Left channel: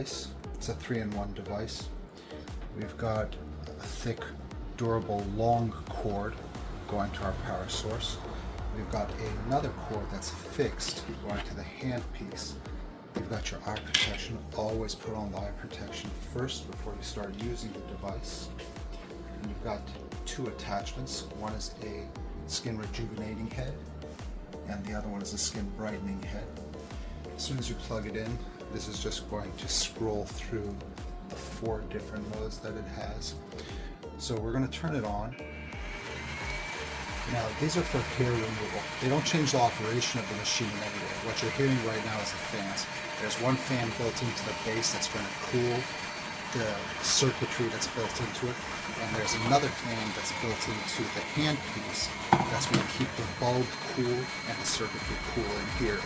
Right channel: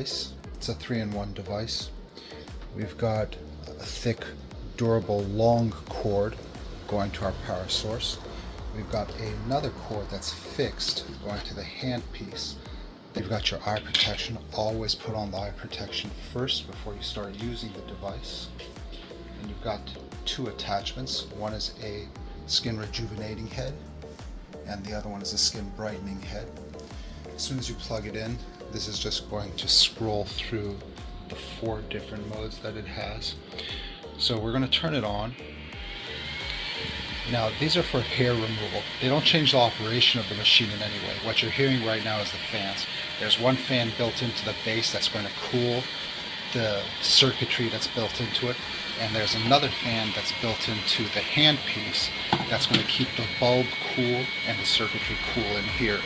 device. It's a 3-in-1 device. We've got a thick, durable, long cord going to our power source. We've got another cord that's fixed going to the handpiece. You've got your eye protection. Always put on the eye protection first before you start using the device. And you've got two attachments. One is a skin rejuvenating head, and the other one is a skin brightening head. As soon as you plug it in, this is just going to scroll through the 4 different modes that it has. So we're going to turn it on. Now, these are for hair removal. They don't change the operation of the machine in any way. What you're hearing right now is the fans. There's one fan built into the base that's going to cool the circuitry that's built into it. And there's another fan that's built into the handpiece that's going to keep the bulb cool and the circuitry cool in here.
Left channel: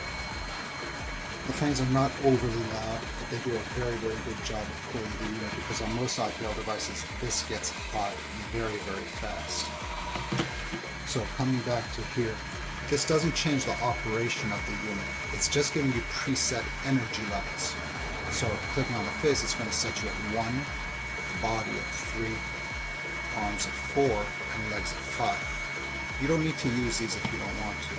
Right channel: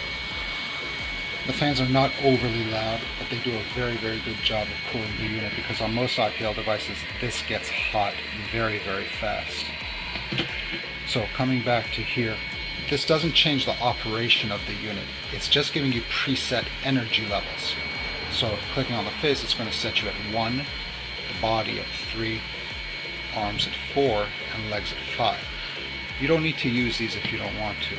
The fans are not overly loud, but they do a very, very good job of cooling the unit, because on most IPL devices, this gets hot very, very fast. So coming back to here, this doesn't change the operation of the unit. It's just giving you preset energy levels. So clicking on the face, it's going to set you at 1, body at 3, arms at 4, and legs at 5. You don't need to use these if you don't want to.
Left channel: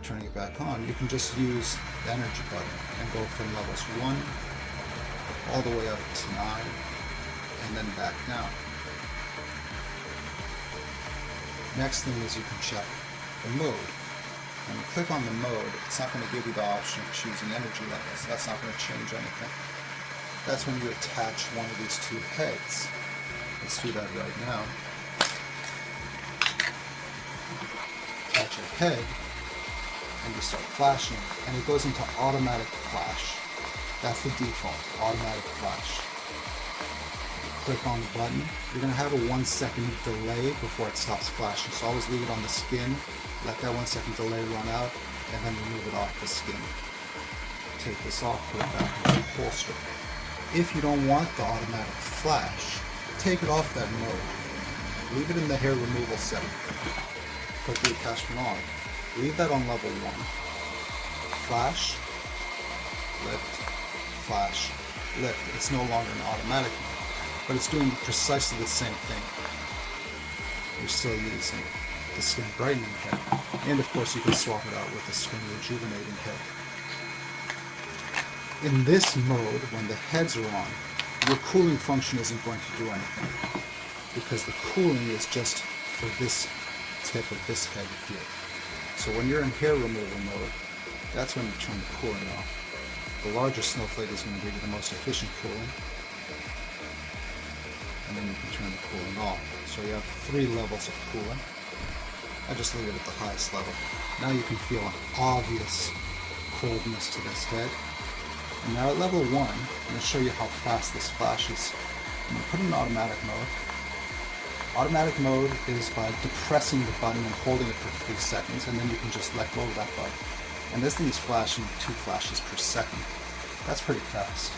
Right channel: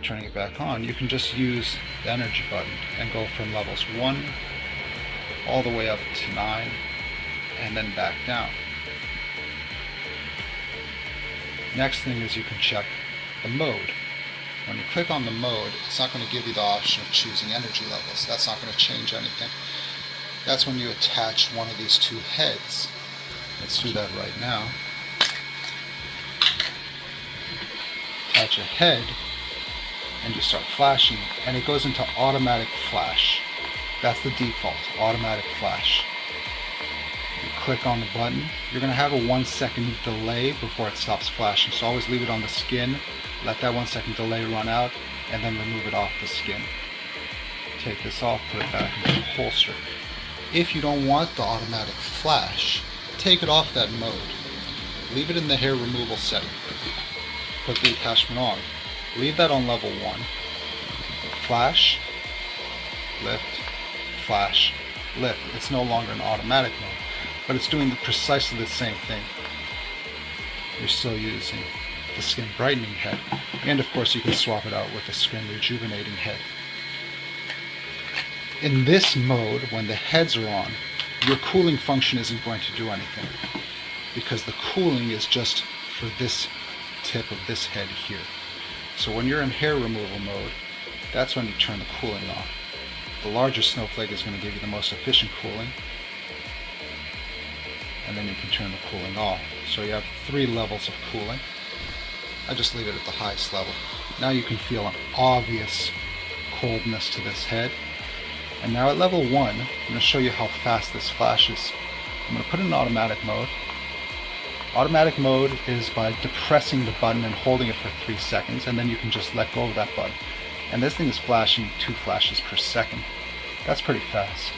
Turning it back on, you can just use the energy button and go from levels 1 all the way up to 9 and then back down. Next thing is you can check the mode. When you click on the mode, it's not going to give you the option of choosing energy levels. That's not going to change anything. That's when you attach one of these 2 heads. Let's do that right now. Attach a head and just start flashing, and it goes into automatic flash. That's the default, automatic flash. You click on the button, you're going to have a 1-second delay before it stops flashing, so always leave it on the skin, let that 1-second delay run out, and then remove it off the skin. Take this off, put it back into the holster. If you don't want the automatic flash, take it off that mode. Leave it in the hair removal setting. Put the attachment on. Leave that on level 1. Flash, lift, flash, lift. It's no longer an automatic mode, but it's doing precisely the same thing. You're still using the skin brightening head, and of course you can swap it out with the skin rejuvenating head. In this mode, when the heads are on, your cooling function isn't going to do anything, because the cooling is just for this tip of this head here. So when you're in hair removal mode, that's when you turn the cooling off. The larger snowflake is going to give you the most efficient cooling, and then you can turn the cooling off. So you have 3 levels of cooling. I just leave it at the highest level. Now you can feel an obvious coldness to this head. And now at level 1, I'm going to show you how fast this flashes. I'm going to put it in automatic mode. Automatic mode is by depressing the button and holding it for 3 seconds, and then you can just let go of that button. And this thing is flashing 2 flashes per second. That's pretty fast.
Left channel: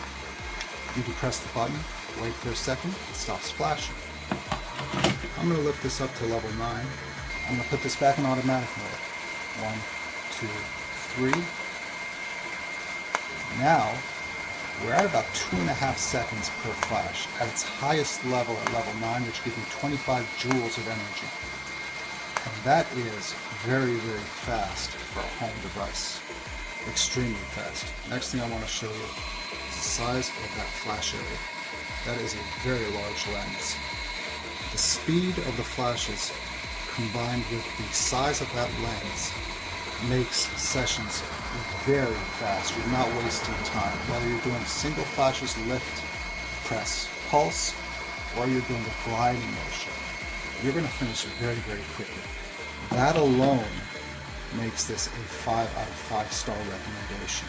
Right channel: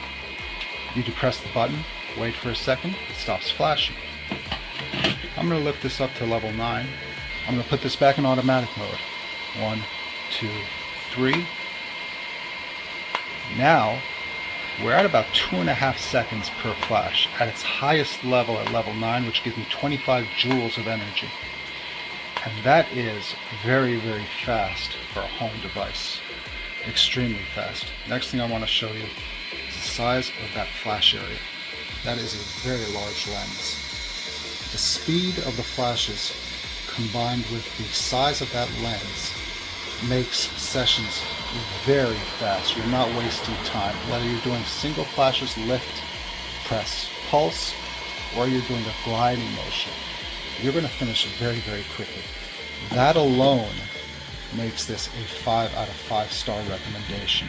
You depress the button, wait for a second, it stops flashing. I'm going to lift this up to level 9. I'm going to put this back in automatic mode. 1, 2, 3. Now, we're at about 2.5 seconds per flash at its highest level at level 9, which gives me 25 joules of energy. And that is very, very fast for a home device. Extremely fast. Next thing I want to show you is the size of that flash area. That is a very large lens. The speed of the flashes combined with the size of that lens makes sessions very fast. You're not wasting time. Whether you're doing single flashes, lift, press, pulse, or you're doing a gliding motion, you're going to finish very, very quickly. That alone makes this a 5 out of 5 star recommendation.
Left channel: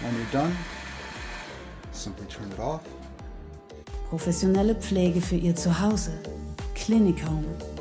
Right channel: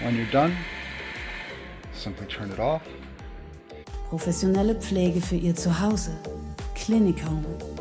When you're done, simply turn it off. Professionelle Pflege für Ihr Zuhause. Clinichome.